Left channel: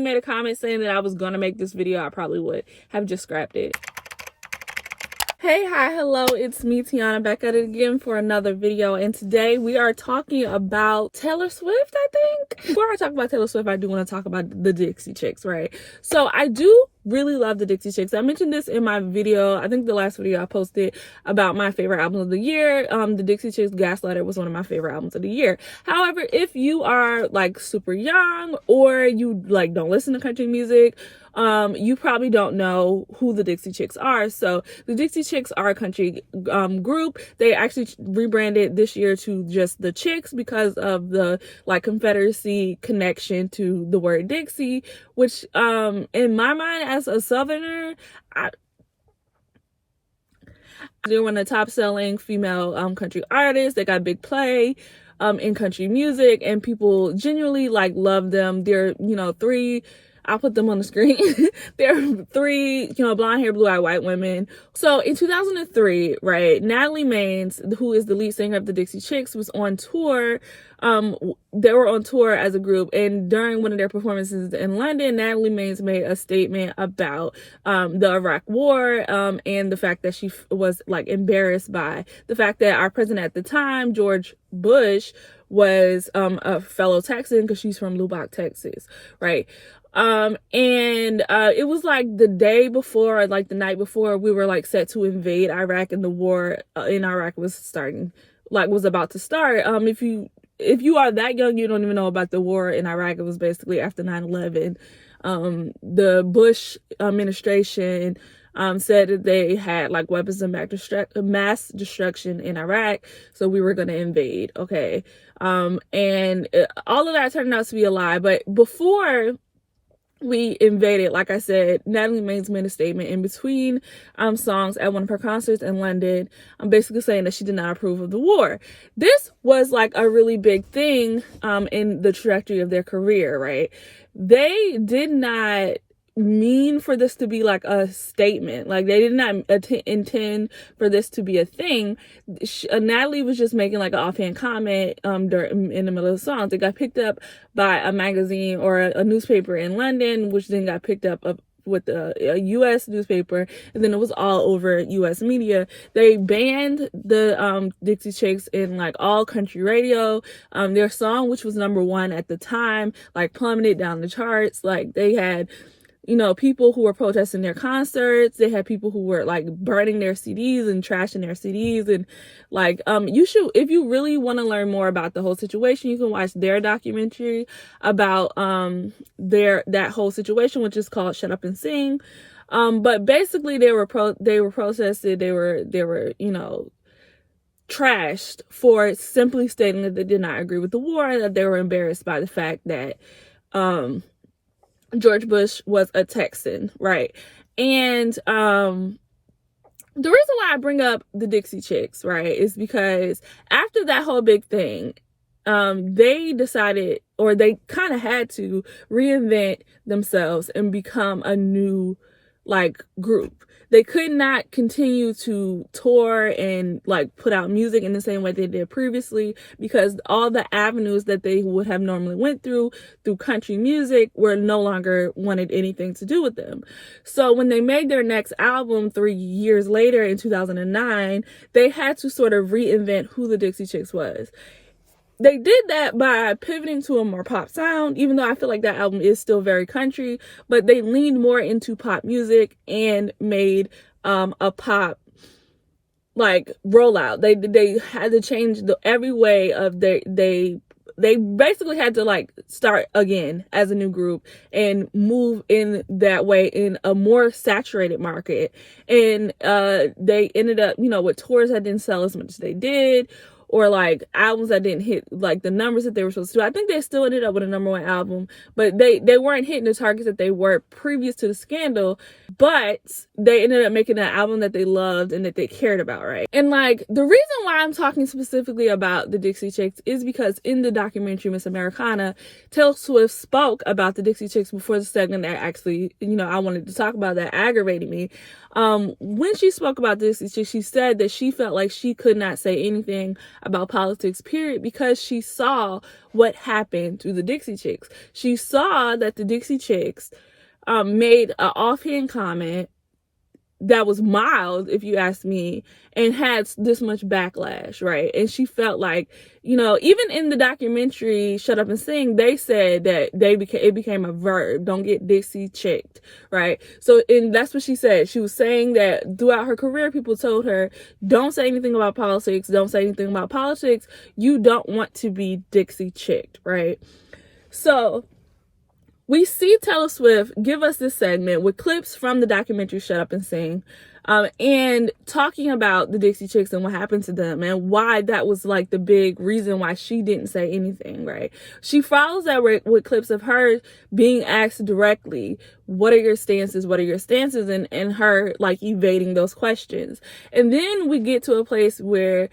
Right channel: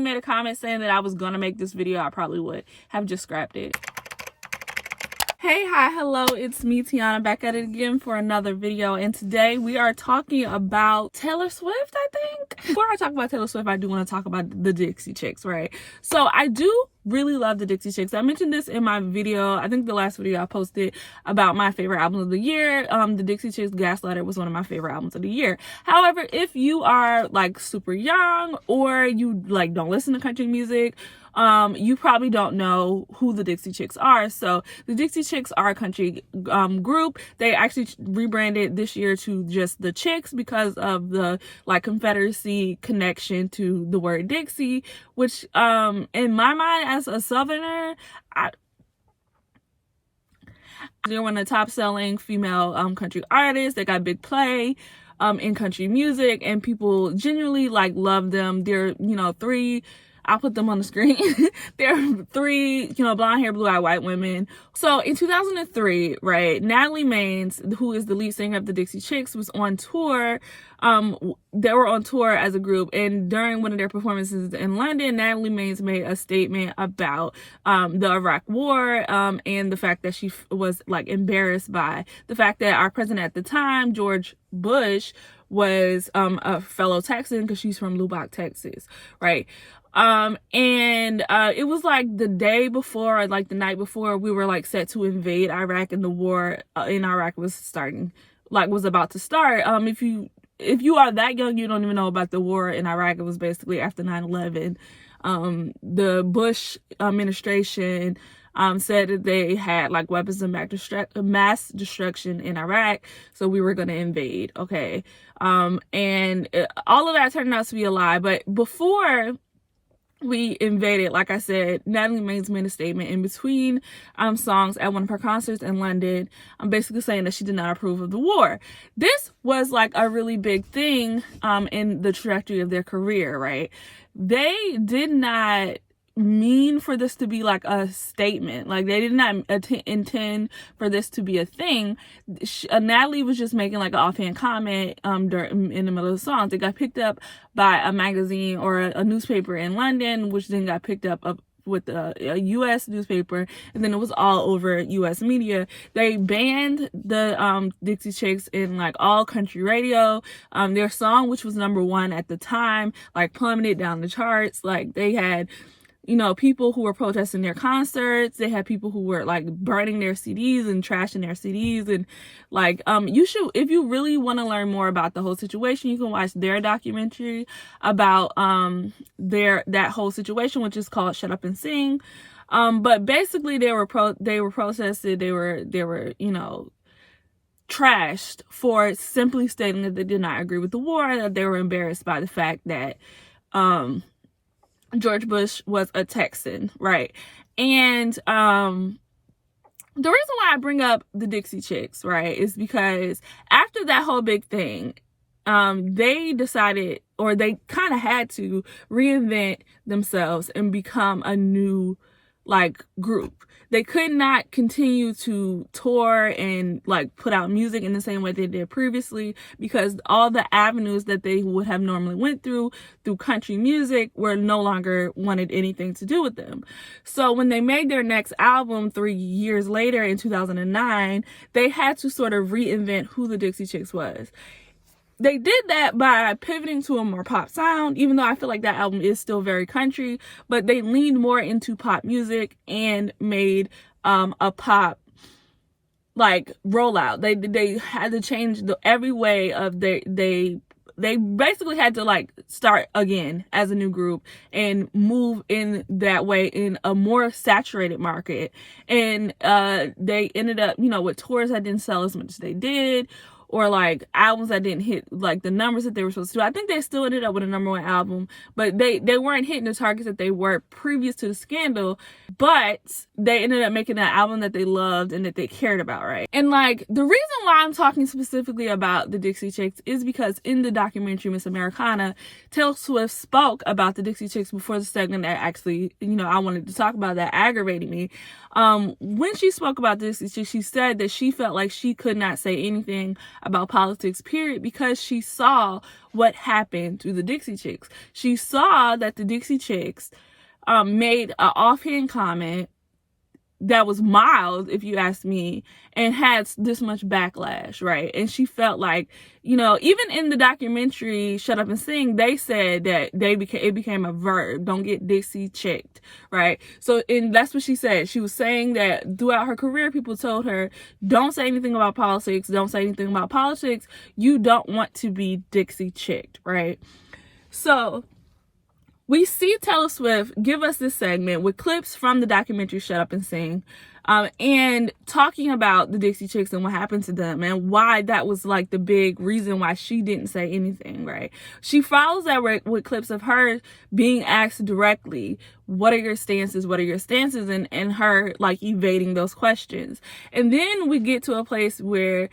she made a comment saying that I was gonna make this video, I probably would have just scrapped it. Hey, hi, hello, it's me, Tiana, back at it again for another video, and today we are talking about Taylor Swift, I think. Before I talk about Taylor Swift, I do want to talk about the Dixie Chicks, right? So I do really love the Dixie Chicks. I mentioned this in my video, I think the last video I posted about my favorite albums of the year. The Dixie Chicks Gaslighter was one of my favorite albums of the year. However, if you are like super young or you like don't listen to country music, you probably don't know who the Dixie Chicks are. So the Dixie Chicks are a country group. They actually rebranded this year to just the Chicks because of the like Confederacy connection to the word Dixie, which in my mind as a Southerner, they're one of the top selling female country artists. They got big play in country music, and people genuinely like love them. They're, you know, I'll put them on the screen. There are three, you know, blonde hair, blue eyed white women. So in 2003, right, Natalie Maines, who is the lead singer of the Dixie Chicks, was on tour. They were on tour as a group, and during one of their performances in London, Natalie Maines made a statement about the Iraq War and the fact that she was like embarrassed by the fact that our president at the time, George Bush, was a fellow Texan because she's from Lubbock, Texas, right? It was like the day before, or like the night before, we were like set to invade Iraq, and the war in Iraq was about to start. If you are that young, you don't even know about the war in Iraq. It was basically after 9/11. The Bush administration said that they had like weapons of mass destruction in Iraq, so we were going to invade. Okay. All of that turned out to be a lie. But before we invaded, like I said, Natalie Maines made a statement in between songs at one of her concerts in London. I'm basically saying that she did not approve of the war. This was like a really big thing in the trajectory of their career, right? They did not mean for this to be like a statement. Like they did not intend for this to be a thing. Natalie was just making like an offhand comment in the middle of the songs. It got picked up by a magazine or a newspaper in London, which then got picked up with a U.S. newspaper, and then it was all over U.S. media. They banned the Dixie Chicks in like all country radio. Their song, which was #1 at the time, like plummeted down the charts. Like they had, you know, people who were protesting their concerts. They had people who were like burning their CDs and trashing their CDs. And like, you should, if you really want to learn more about the whole situation, you can watch their documentary about, that whole situation, which is called Shut Up and Sing. But basically they were protested. They were, you know, trashed for simply stating that they did not agree with the war, and that they were embarrassed by the fact that, George Bush was a Texan, right? And the reason why I bring up the Dixie Chicks, right, is because after that whole big thing, they decided, or they kind of had to reinvent themselves and become a new like group. They could not continue to tour and like put out music in the same way they did previously, because all the avenues that they would have normally went through country music were no longer wanted anything to do with them. So when they made their next album 3 years later in 2009, they had to sort of reinvent who the Dixie Chicks was. They did that by pivoting to a more pop sound, even though I feel like that album is still very country, but they leaned more into pop music and made a pop like rollout. They had to change every way of they basically had to like start again as a new group and move in that way in a more saturated market. And they ended up, you know, with tours that didn't sell as much as they did, or like albums that didn't hit like the numbers that they were supposed to do. I think they still ended up with a #1 album, but they weren't hitting the targets that they were previous to the scandal. But they ended up making an album that they loved and that they cared about, right? And like, the reason why I'm talking specifically about the Dixie Chicks is because in the documentary Miss Americana, Taylor Swift spoke about the Dixie Chicks before the segment that actually, I wanted to talk about that aggravated me. When she spoke about Dixie Chicks, she said that she felt like she could not say anything about politics, period, because she saw what happened to the Dixie Chicks. She saw that the Dixie Chicks made an offhand comment that was mild, if you ask me, and had this much backlash, right? And she felt like, even in the documentary Shut Up and Sing, they said that it became a verb. Don't get Dixie chicked, right? So, and that's what she said. She was saying that throughout her career, people told her, don't say anything about politics. Don't say anything about politics. You don't want to be Dixie chicked, right? So we see Taylor Swift give us this segment with clips from the documentary Shut Up and Sing, and talking about the Dixie Chicks and what happened to them and why that was like the big reason why she didn't say anything, right? She follows that with clips of her being asked directly, what are your stances? What are your stances? And her like evading those questions. And then we get to a place where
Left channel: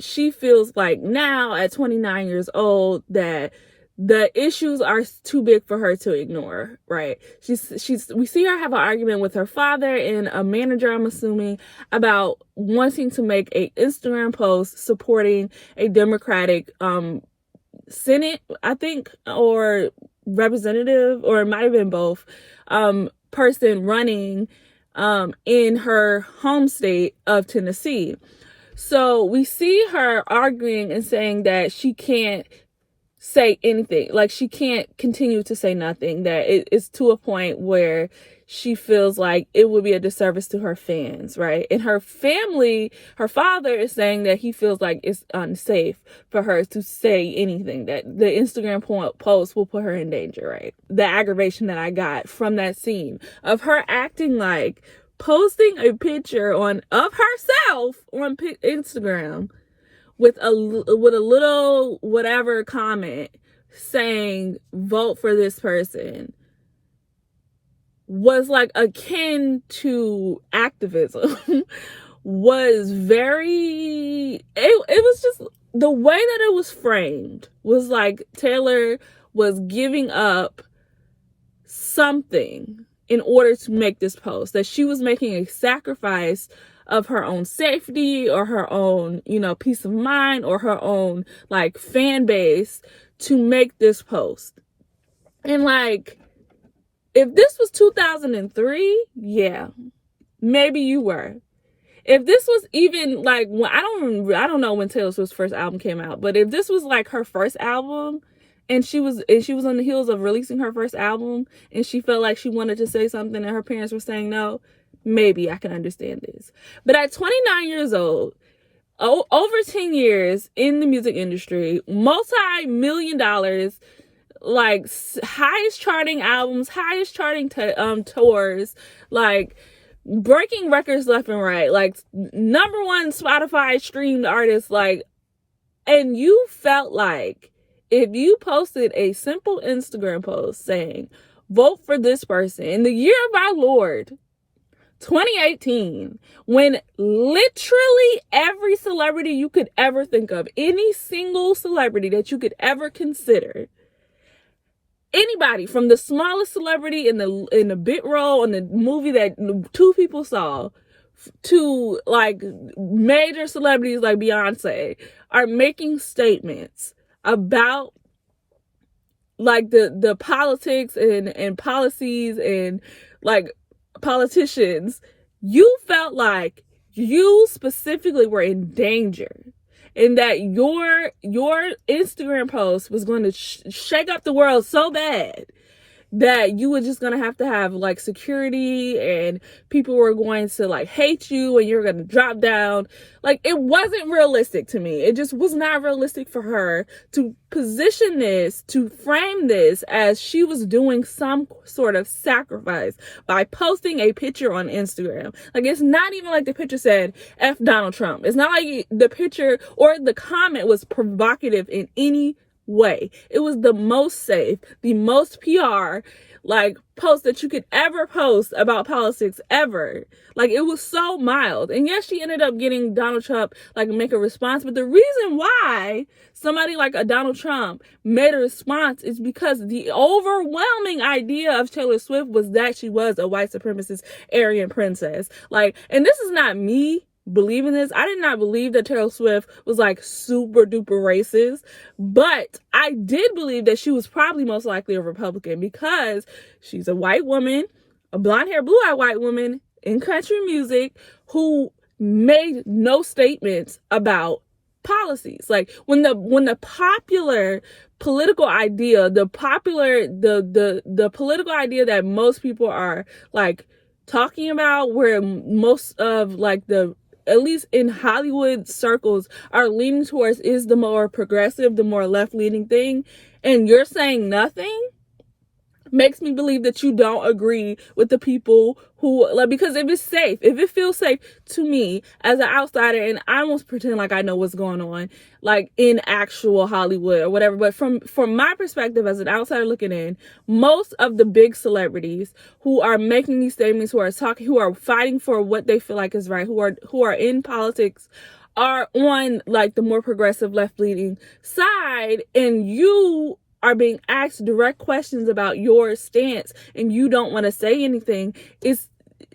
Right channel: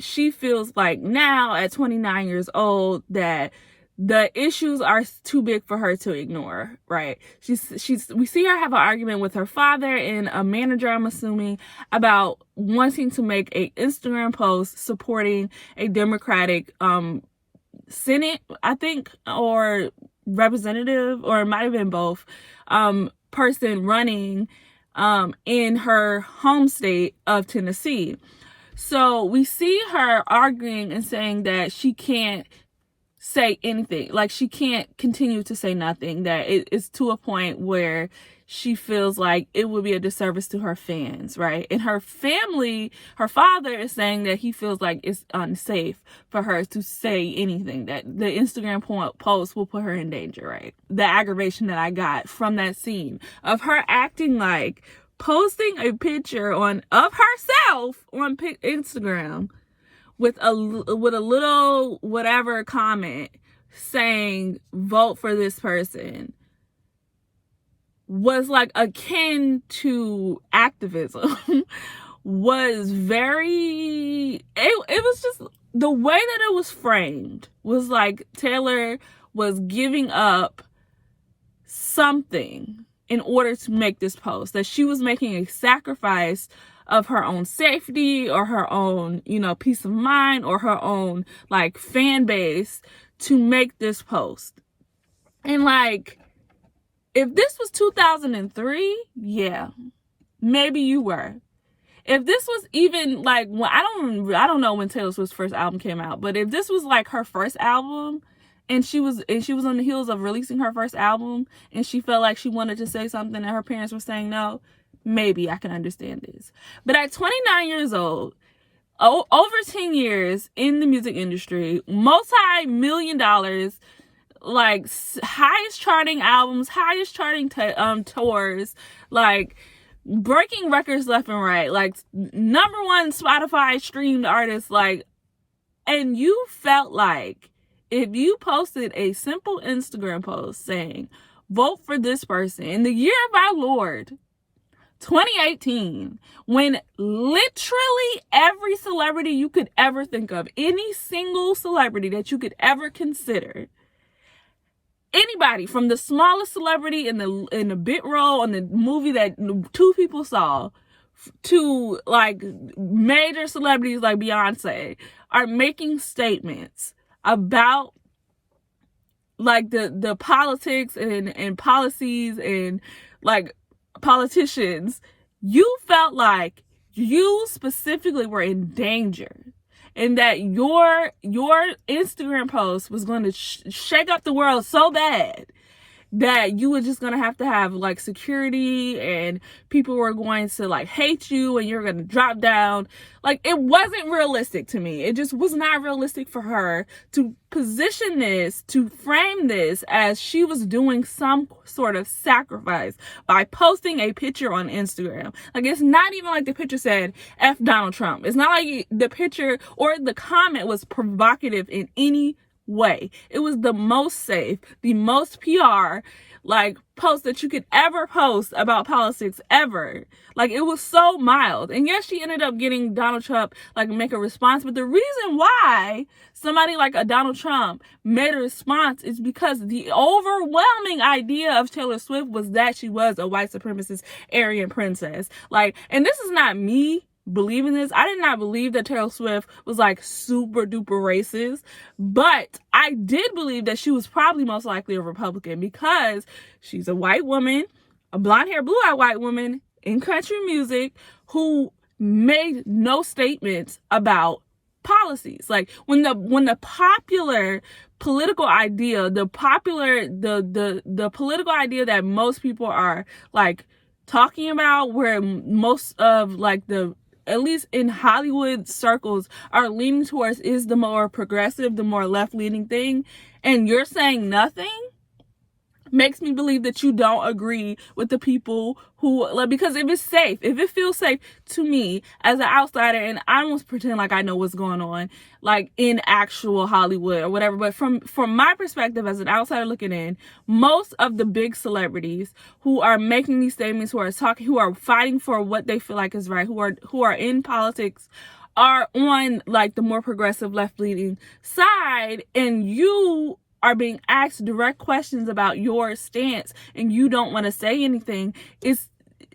she feels like now at 29 years old that the issues are too big for her to ignore, right? We see her have an argument with her father and a manager, I'm assuming, about wanting to make an Instagram post supporting a Democratic Senate, I think, or representative, or it might have been both, person running in her home state of Tennessee. So we see her arguing and saying that she can't say anything, like she can't continue to say nothing, that it's to a point where she feels like it would be a disservice to her fans, right? And her family, her father is saying that he feels like it's unsafe for her to say anything, that the Instagram post will put her in danger, right? The aggravation that I got from that scene of her acting like posting a picture of herself on Instagram with a little whatever comment saying vote for this person was like akin to activism. Was very, it was just the way that it was framed was like Taylor was giving up something in order to make this post, that she was making a sacrifice of her own safety or her own, peace of mind or her own like fan base to make this post. And like, if this was 2003, yeah, maybe you were. If this was even like, I don't know when Taylor Swift's first album came out, but if this was like her first album and she was on the heels of releasing her first album and she felt like she wanted to say something and her parents were saying no, maybe I can understand this. But at 29 years old, over 10 years in the music industry, multi-million dollars, like highest charting albums, highest charting tours, like breaking records left and right, like number one Spotify streamed artist, like, and you felt like if you posted a simple Instagram post saying vote for this person in the year of our Lord 2018, when literally every celebrity you could ever think of, any single celebrity that you could ever consider, anybody from the smallest celebrity in the bit role in the movie that two people saw to like major celebrities like Beyonce, are making statements about like the politics and policies and like politicians, you felt like you specifically were in danger and that your Instagram post was going to shake up the world so bad that you were just going to have like security and people were going to like hate you and you're going to drop down. Like, it wasn't realistic to me. It just was not realistic for her to position this, to frame this as she was doing some sort of sacrifice by posting a picture on Instagram. Like, it's not even like the picture said, F Donald Trump. It's not like the picture or the comment was provocative in any way. It was the most safe, the most PR, like post that you could ever post about politics ever. Like, it was so mild. And yes, she ended up getting Donald Trump like make a response, but the reason why somebody like a Donald Trump made a response is because the overwhelming idea of Taylor Swift was that she was a white supremacist Aryan princess. Like, and this is not me believing this. I did not believe that Taylor Swift was like super duper racist, but I did believe that she was probably most likely a Republican because she's a white woman, a blonde hair, blue eyed white woman in country music who made no statements about policies. Like, when the popular political idea, the political idea that most people are like talking about, where most of like the, at least in Hollywood circles, are leaning towards is the more progressive, the more left-leaning thing, and you're saying nothing, makes me believe that you don't agree with the people who, like, because if it's safe, if it feels safe to me as an outsider, and I almost pretend like I know what's going on, like in actual Hollywood or whatever, but from my perspective as an outsider looking in, most of the big celebrities who are making these statements, who are talking, who are fighting for what they feel like is right, who are in politics, are on like the more progressive left-leaning side, and you are being asked direct questions about your stance and you don't want to say anything. It's,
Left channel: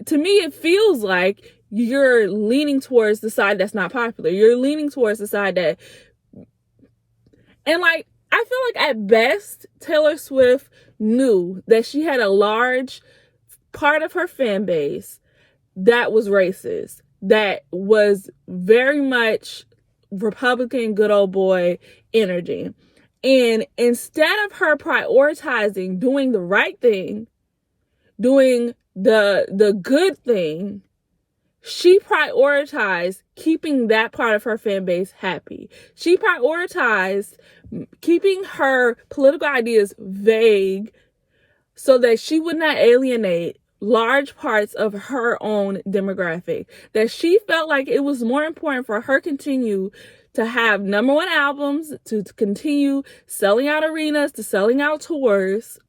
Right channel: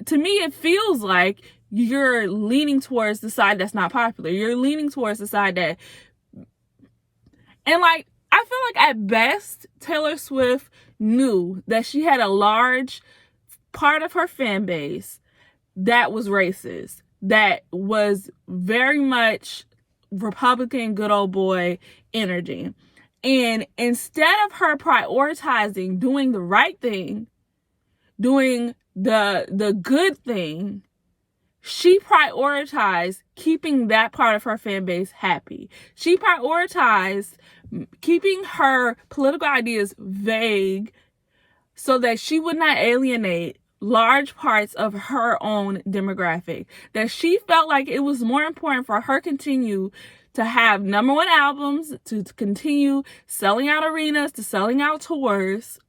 to me, it feels like you're leaning towards the side that's not popular. You're leaning towards the side that, and like, I feel like at best, Taylor Swift knew that she had a large part of her fan base that was racist, that was very much Republican, good old boy energy. And instead of her prioritizing doing the right thing, doing the good thing, she prioritized keeping that part of her fan base happy. She prioritized keeping her political ideas vague so that she would not alienate large parts of her own demographic. That she felt like it was more important for her continue to have number one albums, to continue selling out arenas, to selling out tours,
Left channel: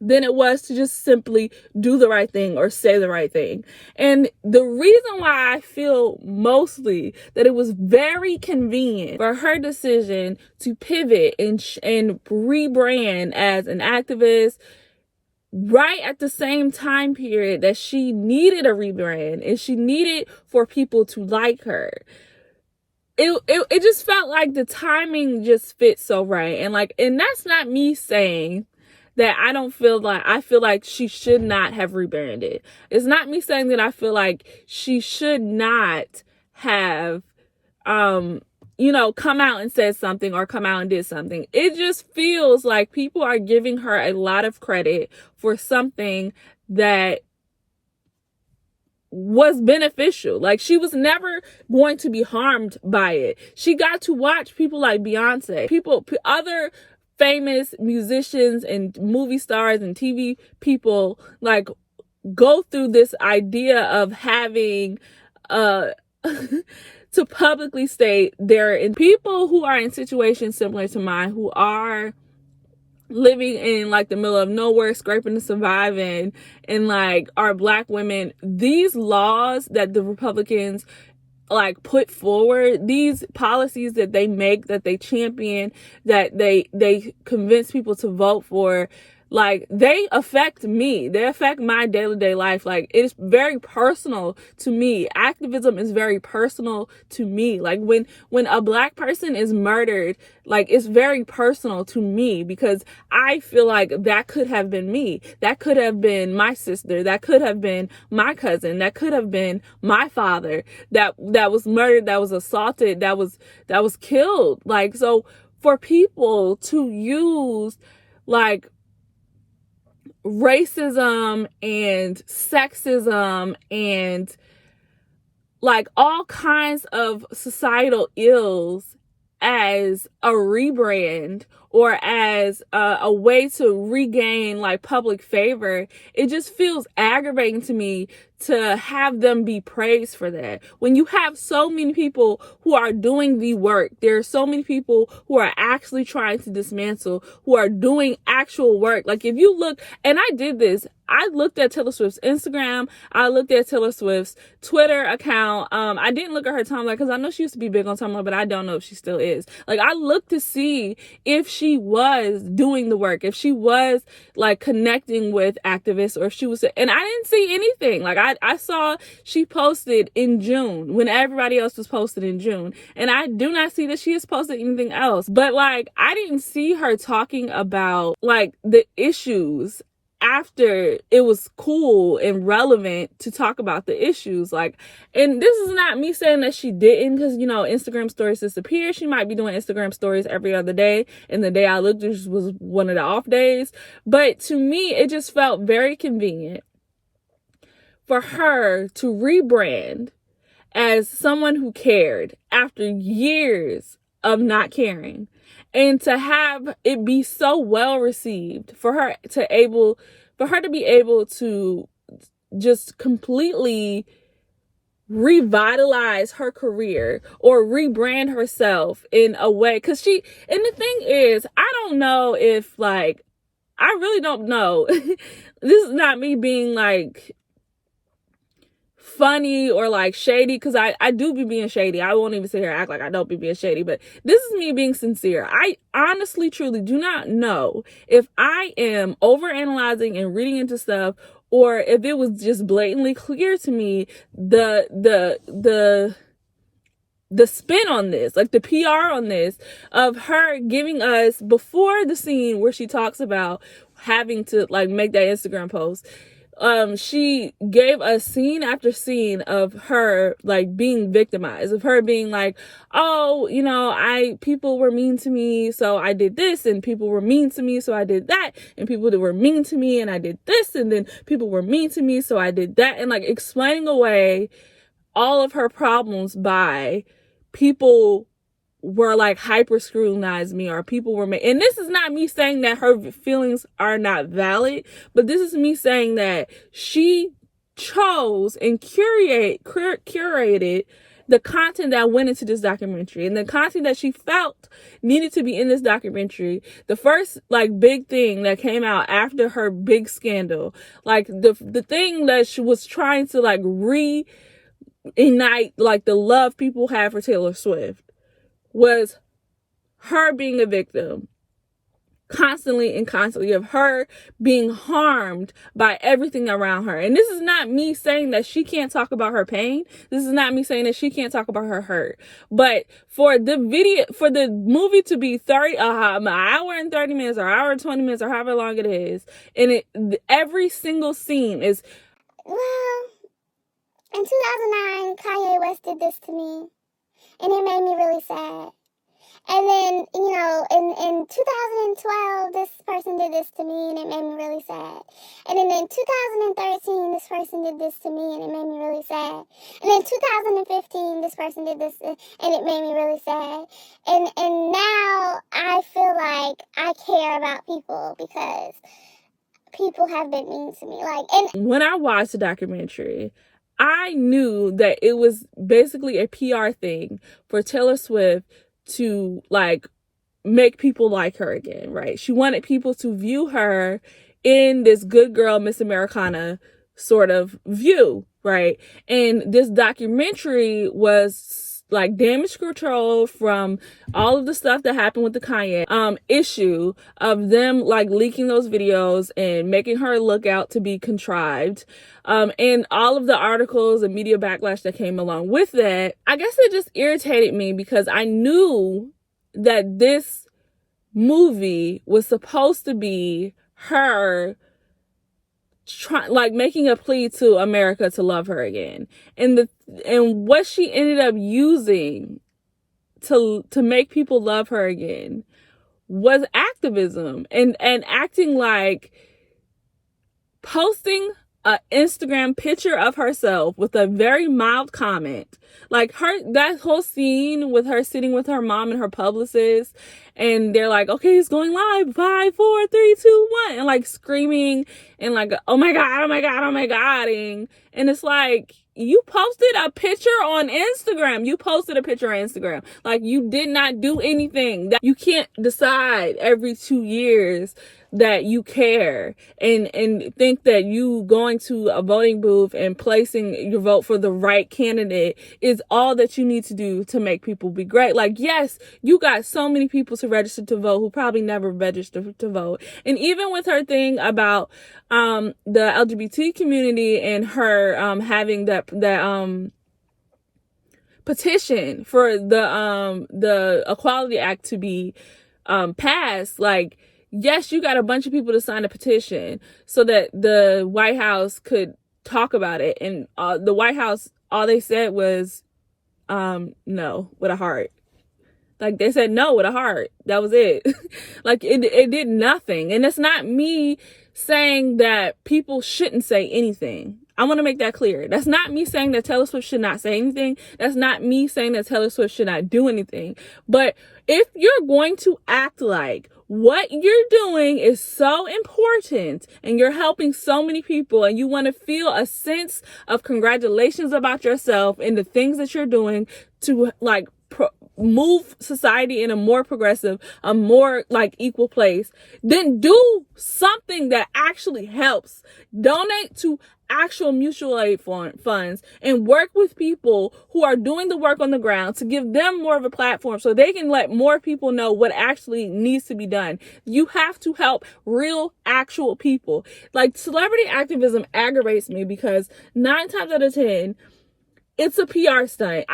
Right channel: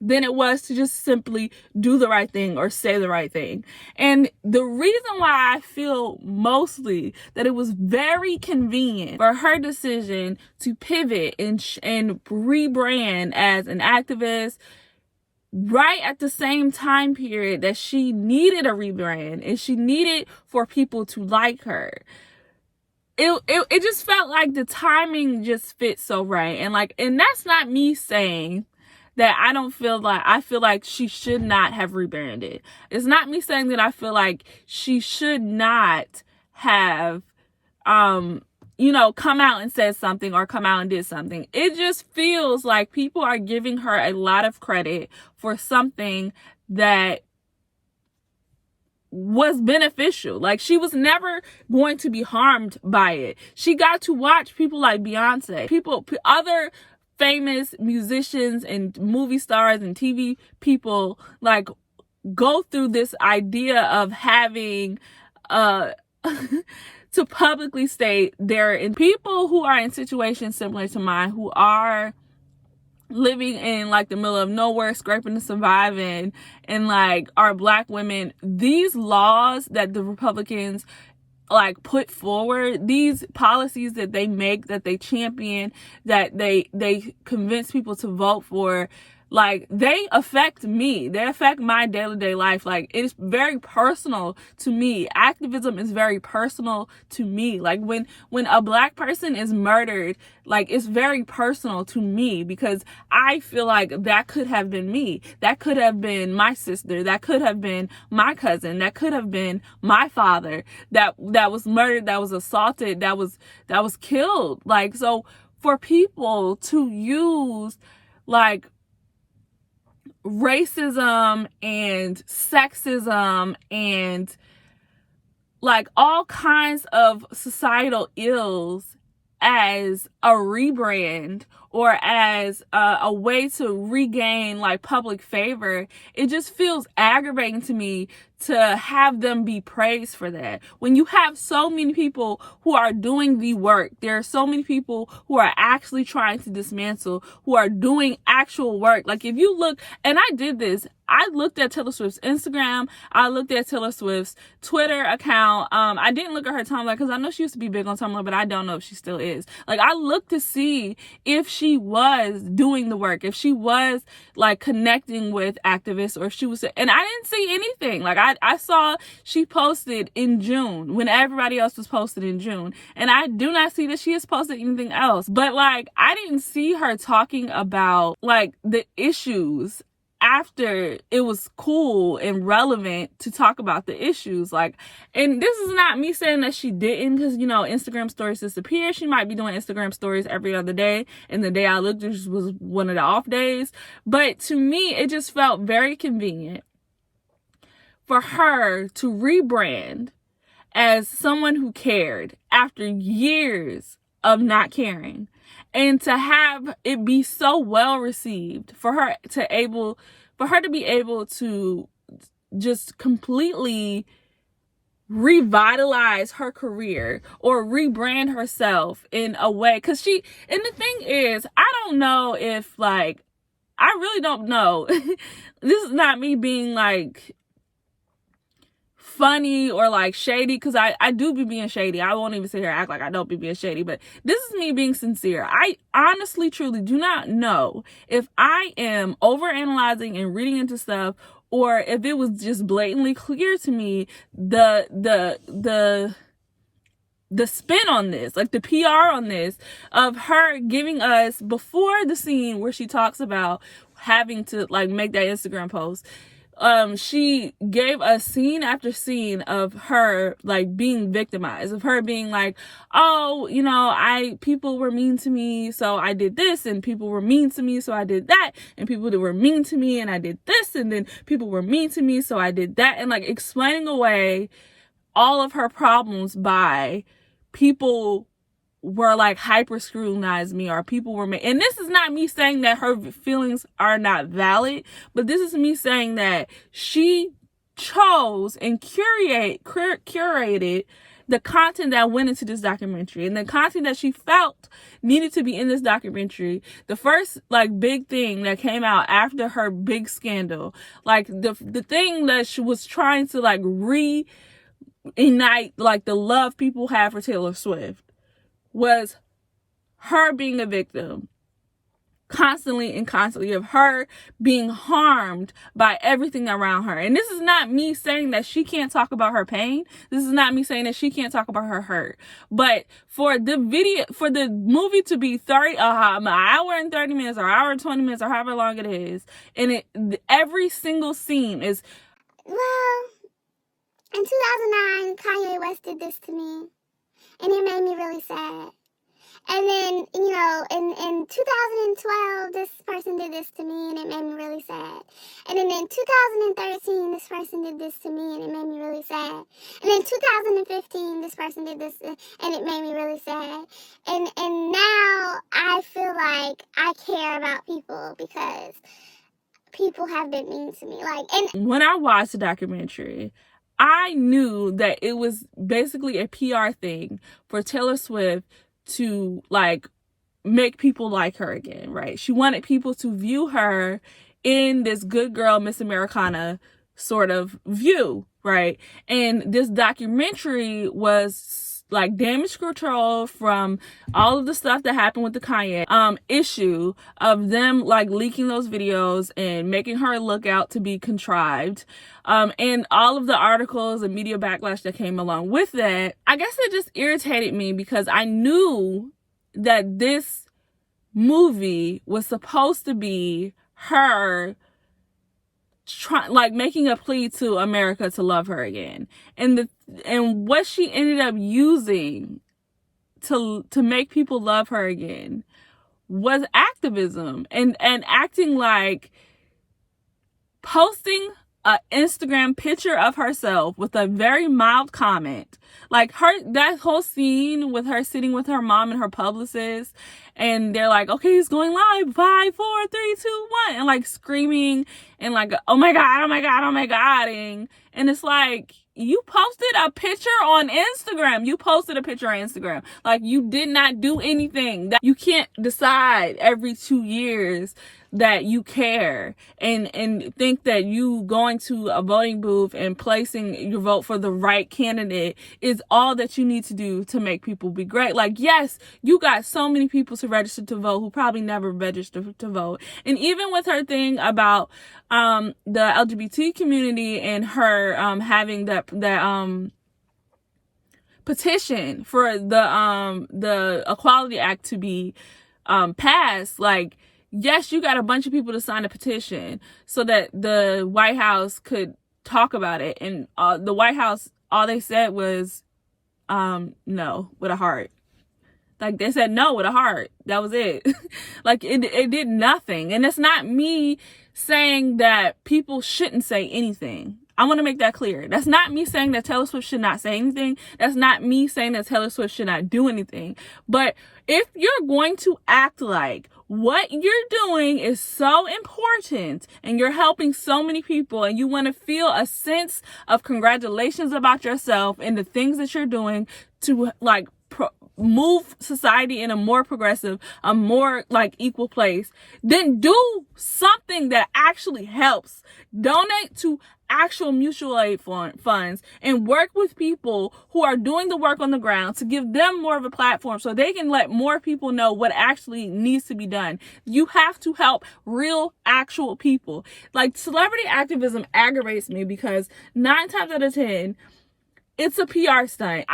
than it was to just simply do the right thing or say the right thing. And the reason why I feel mostly that it was very convenient for her decision to pivot and rebrand as an activist right at the same time period that she needed a rebrand and she needed for people to like her, it just felt like the timing just fit so right. And like, and that's not me saying that I feel like she should not have rebranded. It's not me saying that I feel like she should not have, come out and said something or come out and did something. It just feels like people are giving her a lot of credit for something that was beneficial. Like, she was never going to be harmed by it. She got to watch people like Beyonce, other famous musicians and movie stars and TV people like go through this idea of having to publicly state they're in, people who are in situations similar to mine, who are living in like the middle of nowhere, scraping to survive in, and like are Black women. These laws that the Republicans like put forward, these policies that they make, that they champion, that they convince people to vote for, like, they affect me. They affect my day-to-day life. Like, it's very personal to me. Activism is very personal to me. Like, when a Black person is murdered, like, it's very personal to me because I feel like that could have been me. That could have been my sister. That could have been my cousin. That could have been my father that was murdered, that was assaulted, that was killed. Like, so for people to use, like, racism and sexism and like all kinds of societal ills as a rebrand or as a way to regain like public favor, it just feels aggravating to me to have them be praised for that. When you have so many people who are doing the work, there are so many people who are actually trying to dismantle, who are doing actual work. Like if you look, and I did this, I looked at Taylor Swift's Instagram, I looked at Taylor Swift's Twitter account. I didn't look at her timeline because I know she used to be big on Tumblr, but I don't know if she still is. Like I looked to see if she was doing the work, if she was like connecting with activists, or if she was, and I didn't see anything. Like I saw she posted in June when everybody else was posted in June, and I do not see that she has posted anything else. But like I didn't see her talking about like the issues after it was cool and relevant to talk about the issues. Like, and this is not me saying that she didn't, because you know Instagram stories disappear. She might be doing Instagram stories every other day, and the day I looked, this was one of the off days. But to me, it just felt very convenient for her to rebrand as someone who cared after years of not caring, and to have it be so well received, for her to be able to just completely revitalize her career or rebrand herself in a way. Because and the thing is, I don't know if, like, I really don't know. This is not me being like funny or like shady, because I do be being shady. I won't even sit here and act like I don't be being shady, but this is me being sincere. I honestly, truly do not know if I am overanalyzing and reading into stuff, or if it was just blatantly clear to me the spin on this, like the PR on this, of her giving us, before the scene where she talks about having to like make that Instagram post, she gave us scene after scene of her like being victimized, of her being like, oh, you know, people were mean to me, so I did this, and people were mean to me, so I did that, and people that were mean to me, and I did this, and then people were mean to me, so I did that, and like explaining away all of her problems by people were like hyper scrutinized me, or people were and this is not me saying that her feelings are not valid, but this is me saying that she chose and curated the content that went into this documentary, and the content that she felt needed to be in this documentary. The first like big thing that came out after her big scandal, like the thing that she was trying to like reignite like the love people have for Taylor Swift, was her being a victim constantly of her being harmed by everything around her. And this is not me saying that she can't talk about her pain. This is not me saying that she can't talk about her hurt. But for the movie to be an hour and 30 minutes or hour and 20 minutes or however long it is, and every single scene is, well, in 2009, Kanye West did this to me, and it made me really sad. And then, you know, in 2012, this person did this to me, and it made me really sad. And then in 2013, this person did this to me, and it made me really sad. And in 2015, this person did this, and it made me really sad. And now I feel like I care about people because people have been mean to me. Like, and when I watched the documentary, I knew that it was basically a PR thing for Taylor Swift to like make people like her again, right? She wanted people to view her in this good girl, Miss Americana sort of view, right? And this documentary was like damage control from all of the stuff that happened with the Kanye issue of them like leaking those videos and making her look out to be contrived, and all of the articles and media backlash that came along with that. I guess it just irritated me because I knew that this movie was supposed to be her making a plea to America to love her again, and what she ended up using to make people love her again was activism and acting like posting an Instagram picture of herself with a very mild comment. Like that whole scene with her sitting with her mom and her publicist, and they're like, okay, it's going live, 5, 4, 3, 2, 1, and like screaming and like, oh my God, oh my God, oh my God. And it's like, you posted a picture on Instagram. You posted a picture on Instagram. Like, you did not do anything. That you can't decide every 2 years that you care and think that you going to a voting booth and placing your vote for the right candidate is all that you need to do to make people be great. Like, yes, you got so many people to register to vote who probably never registered to vote. And even with her thing about the LGBT community and her having that petition for the Equality Act to be passed, like, yes, you got a bunch of people to sign a petition so that the White House could talk about it. And the White House, all they said was no, with a heart. Like, they said no with a heart. That was it. Like, it did nothing. And it's not me saying that people shouldn't say anything. I want to make that clear. That's not me saying that Taylor Swift should not say anything. That's not me saying that Taylor Swift should not do anything. But if you're going to act like what you're doing is so important and you're helping so many people and you want to feel a sense of congratulations about yourself and the things that you're doing to like move society in a more progressive, a more like equal place, then do something that actually helps. Donate to actual mutual aid funds and work with people who are doing the work on the ground to give them more of a platform so they can let more people know what actually needs to be done. You have to help real, actual people. Like, celebrity activism aggravates me because 9 times out of 10, it's a PR stunt.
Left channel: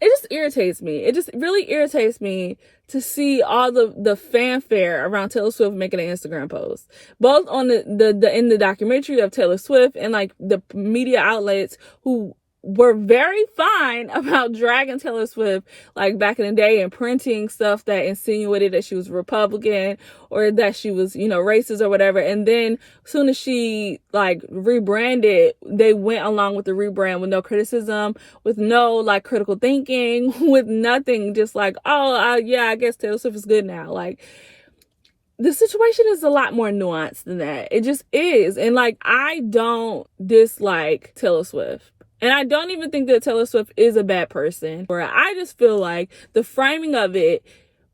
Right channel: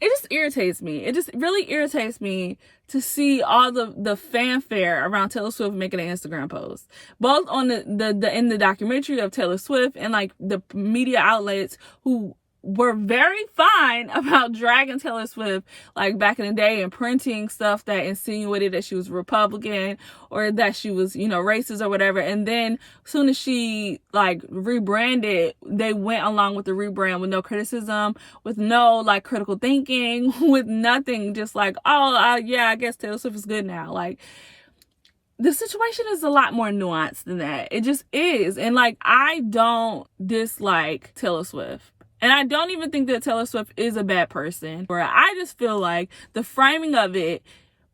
It just irritates me. It just really irritates me to see all the fanfare around Taylor Swift making an Instagram post, both on the in the documentary of Taylor Swift and like the media outlets who were very fine about dragging Taylor Swift like back in the day and printing stuff that insinuated that she was Republican or that she was, you know, racist or whatever. And then as soon as she like rebranded, they went along with the rebrand with no criticism, with no like critical thinking, with nothing, just like, oh, yeah, I guess Taylor Swift is good now. Like, the situation is a lot more nuanced than that. It just is. And like, I don't dislike Taylor Swift. And I don't even think that Taylor Swift is a bad person. Or I just feel like the framing of it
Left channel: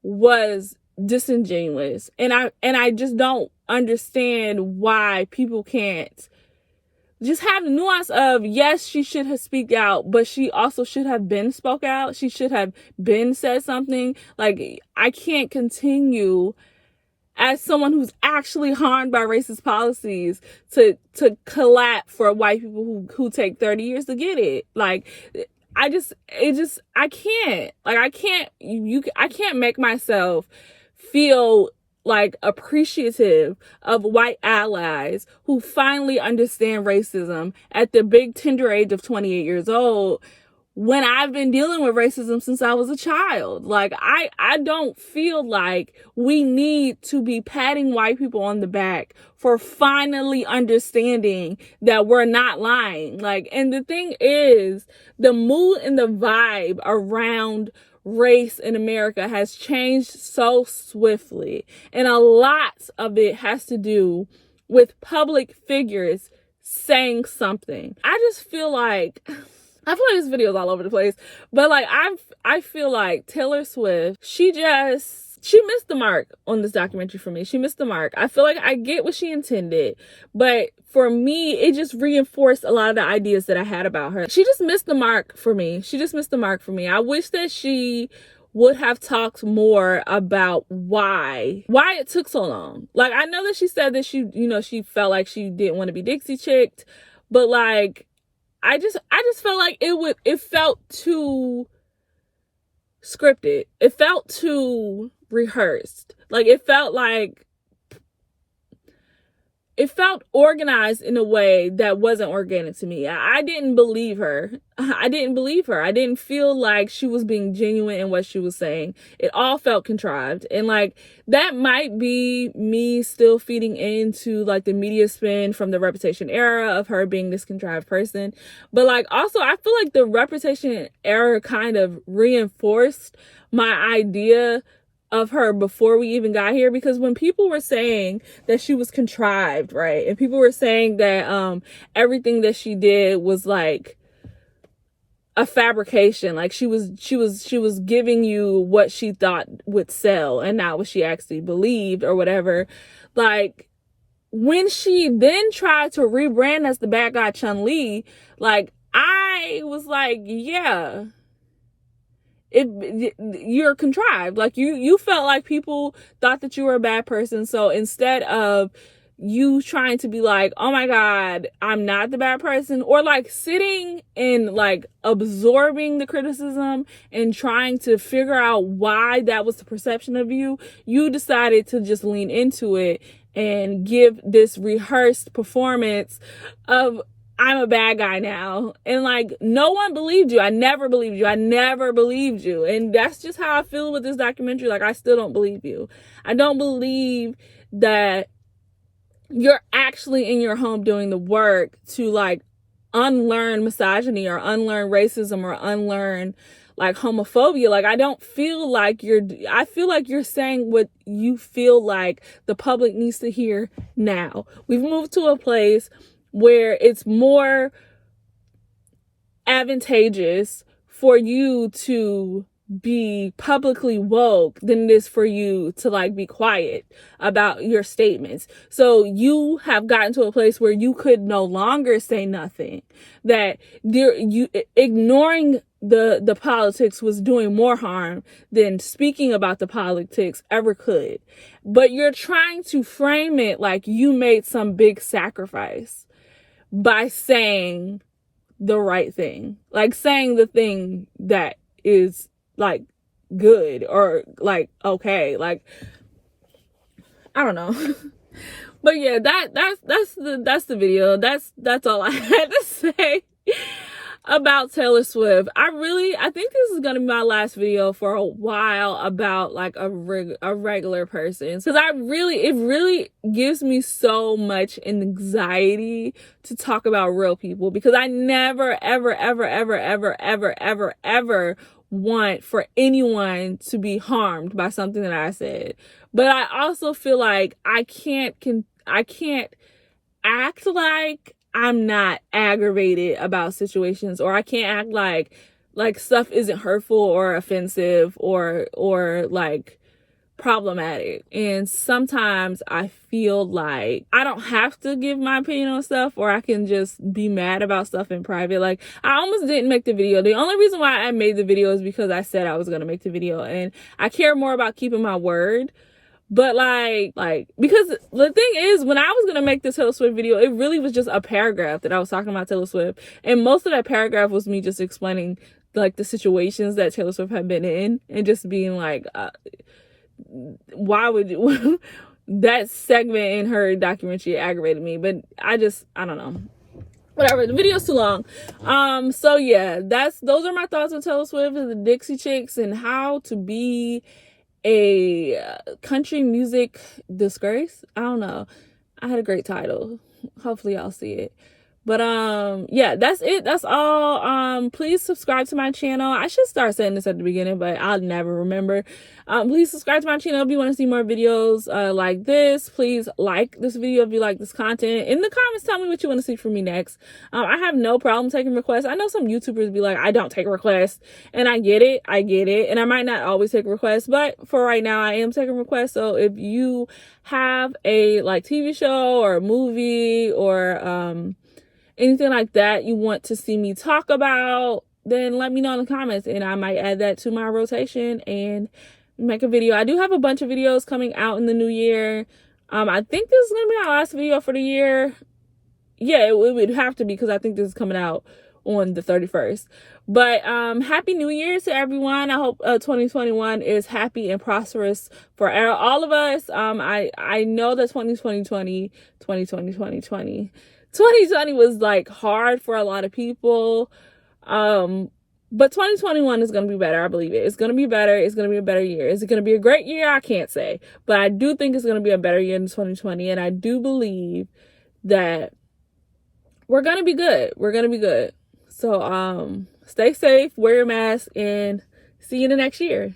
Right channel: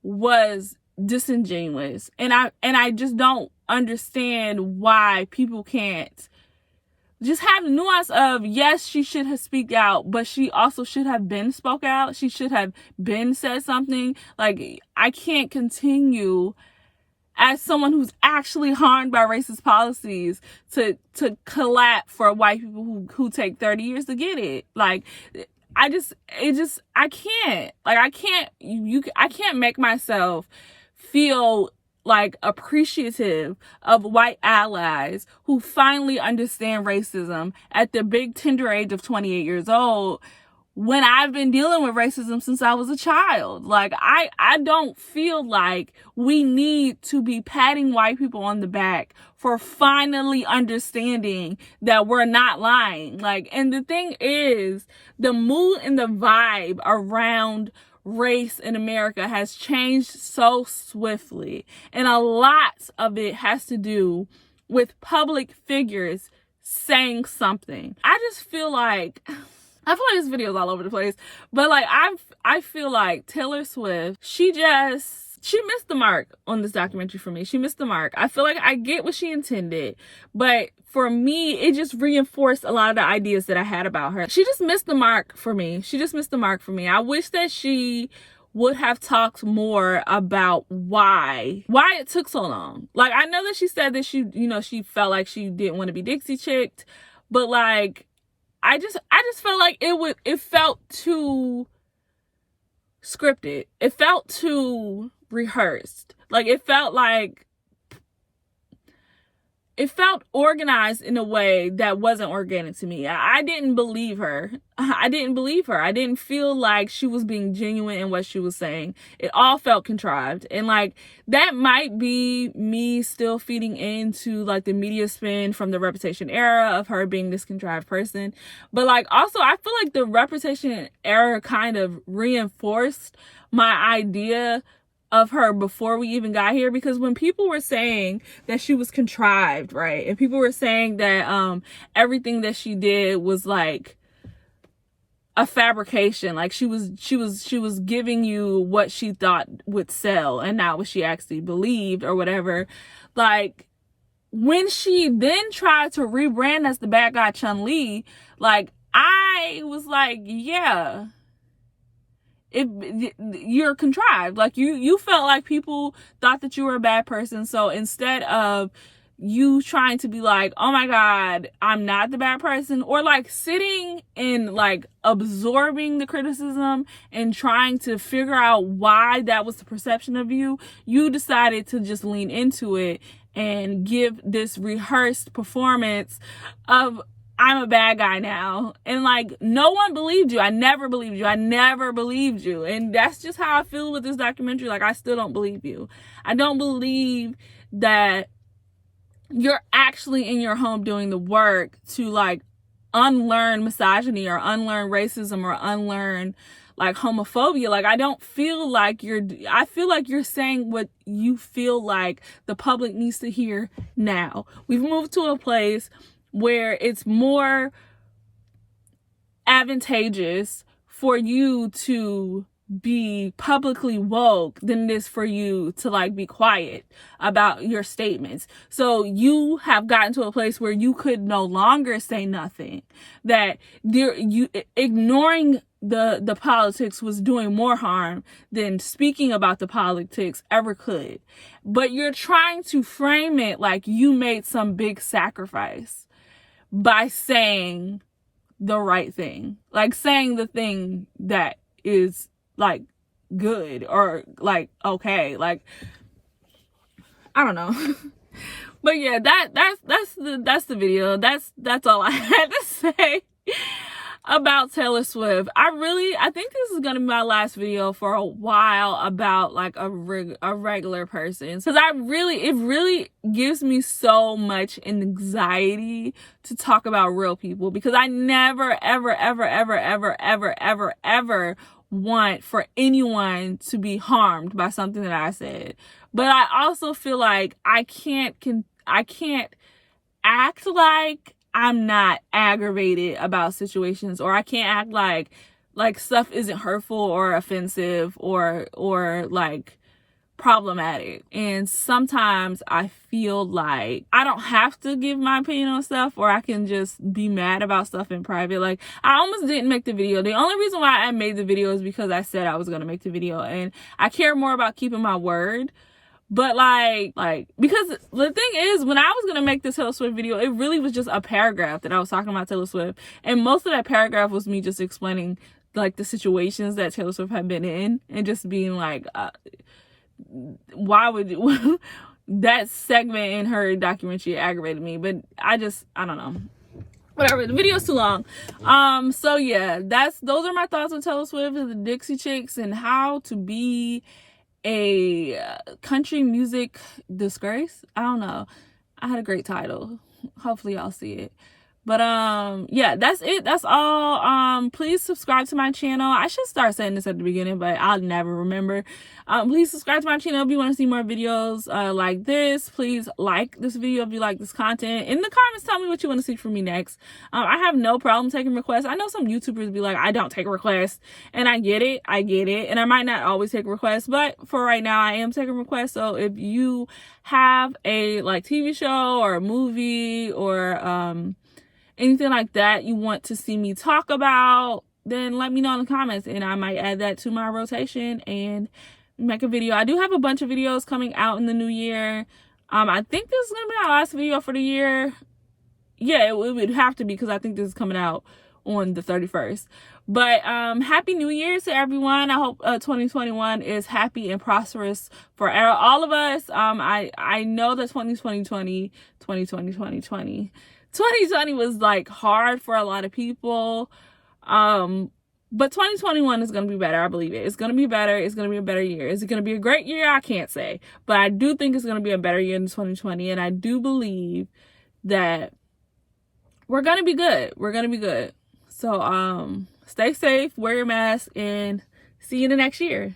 was disingenuous. And I just don't understand why people can't just have the nuance of, yes, she should have speak out, but she also should have been spoke out. She should have been said something. Like, I can't continue as someone who's actually harmed by racist policies to clap for white people who take 30 years to get it. Like, I can't. Like, I can't make myself feel like appreciative of white allies who finally understand racism at the big tender age of 28 years old, when I've been dealing with racism since I was a child. Like, I don't feel like we need to be patting white people on the back for finally understanding that we're not lying. Like, and the thing is, the mood and the vibe around race in America has changed so swiftly. And a lot of it has to do with public figures saying something. I just feel like, I feel like this video is all over the place, but like, I feel like Taylor Swift, she missed the mark on this documentary for me. She missed the mark. I feel like I get what she intended, but for me, it just reinforced a lot of the ideas that I had about her. She just missed the mark for me. She just missed the mark for me. I wish that she would have talked more about why it took so long. Like, I know that she said that she felt like she didn't want to be Dixie chicked, but like, I just felt like it felt too scripted. It felt too rehearsed. Like, it felt like it felt organized in a way that wasn't organic to me. I didn't believe her. I didn't feel like she was being genuine in what she was saying. It all felt contrived. And like, that might be me still feeding into like the media spin from the Reputation era of her being this contrived person. But like, also, I feel like the Reputation era kind of reinforced my idea of her before we even got here, because when people were saying that she was contrived, right, and people were saying that everything that she did was like a fabrication, like she was giving you what she thought would sell and not what she actually believed or whatever, like when she then tried to rebrand as the bad guy Chun-Li, like I was like, yeah, you're contrived. Like you felt like people thought that you were a bad person. So instead of you trying to be like, oh my God, I'm not the bad person, or like sitting and like absorbing the criticism and trying to figure out why that was the perception of you, you decided to just lean into it and give this rehearsed performance of, I'm a bad guy now. And like, no one believed you. I never believed you. And that's just how I feel with this documentary. Like, I still don't believe you. I don't believe that you're actually in your home doing the work to like unlearn misogyny or unlearn racism or unlearn like homophobia. Like, I feel like you're saying what you feel like the public needs to hear now. We've moved to a place where it's more advantageous for you to be publicly woke than it is for you to like be quiet about your statements. So you have gotten to a place where you could no longer say nothing, that you ignoring the politics was doing more harm than speaking about the politics ever could. But you're trying to frame it like you made some big sacrifice by saying the right thing, like saying the thing that is like good or like okay, like I don't know. But yeah, that's the video. That's all I had to say about Taylor Swift. I think this is gonna be my last video for a while about like a regular person, because it really gives me so much anxiety to talk about real people, because I never ever want for anyone to be harmed by something that I said. But I also feel like I can't act like I'm not aggravated about situations, or I can't act like stuff isn't hurtful or offensive or like problematic. And sometimes I feel like I don't have to give my opinion on stuff, or I can just be mad about stuff in private. Like, I almost didn't make the video. The only reason why I made the video is because I said I was going to make the video, and I care more about keeping my word. But like, because the thing is, when I was going to make this Taylor Swift video, it really was just a paragraph that I was talking about Taylor Swift. And most of that paragraph was me just explaining like the situations that Taylor Swift had been in, and just being like, why would you, that segment in her documentary aggravated me. But I don't know. Whatever, the video's too long. So yeah, those are my thoughts on Taylor Swift and the Dixie Chicks, and how to be a country music disgrace. I don't know. I had a great title. Hopefully y'all see it. But yeah, that's it. That's all. Please subscribe to my channel. I should start saying this at the beginning, but I'll never remember. Please subscribe to my channel if you want to see more videos like this. Please like this video if you like this content. In the comments, tell me what you want to see from me next. I have no problem taking requests. I know some YouTubers be like, I don't take requests, and I get it, and I might not always take requests, but for right now I am taking requests. So if you have a like TV show or a movie or anything like that you want to see me talk about, then let me know in the comments, and I might add that to my rotation and make a video. I do have a bunch of videos coming out in the new year. I think this is gonna be my last video for the year. Yeah, it would have to be, because I think this is coming out on the 31st. But happy New Year to everyone. I hope 2021 is happy and prosperous for all of us. I know that 2020 was like hard for a lot of people. But 2021 is going to be better. I believe it. It's going to be better. It's going to be a better year. Is it going to be a great year? I can't say. But I do think it's going to be a better year in 2020. And I do believe that we're going to be good. We're going to be good. So, stay safe, wear your mask, and see you in the next year.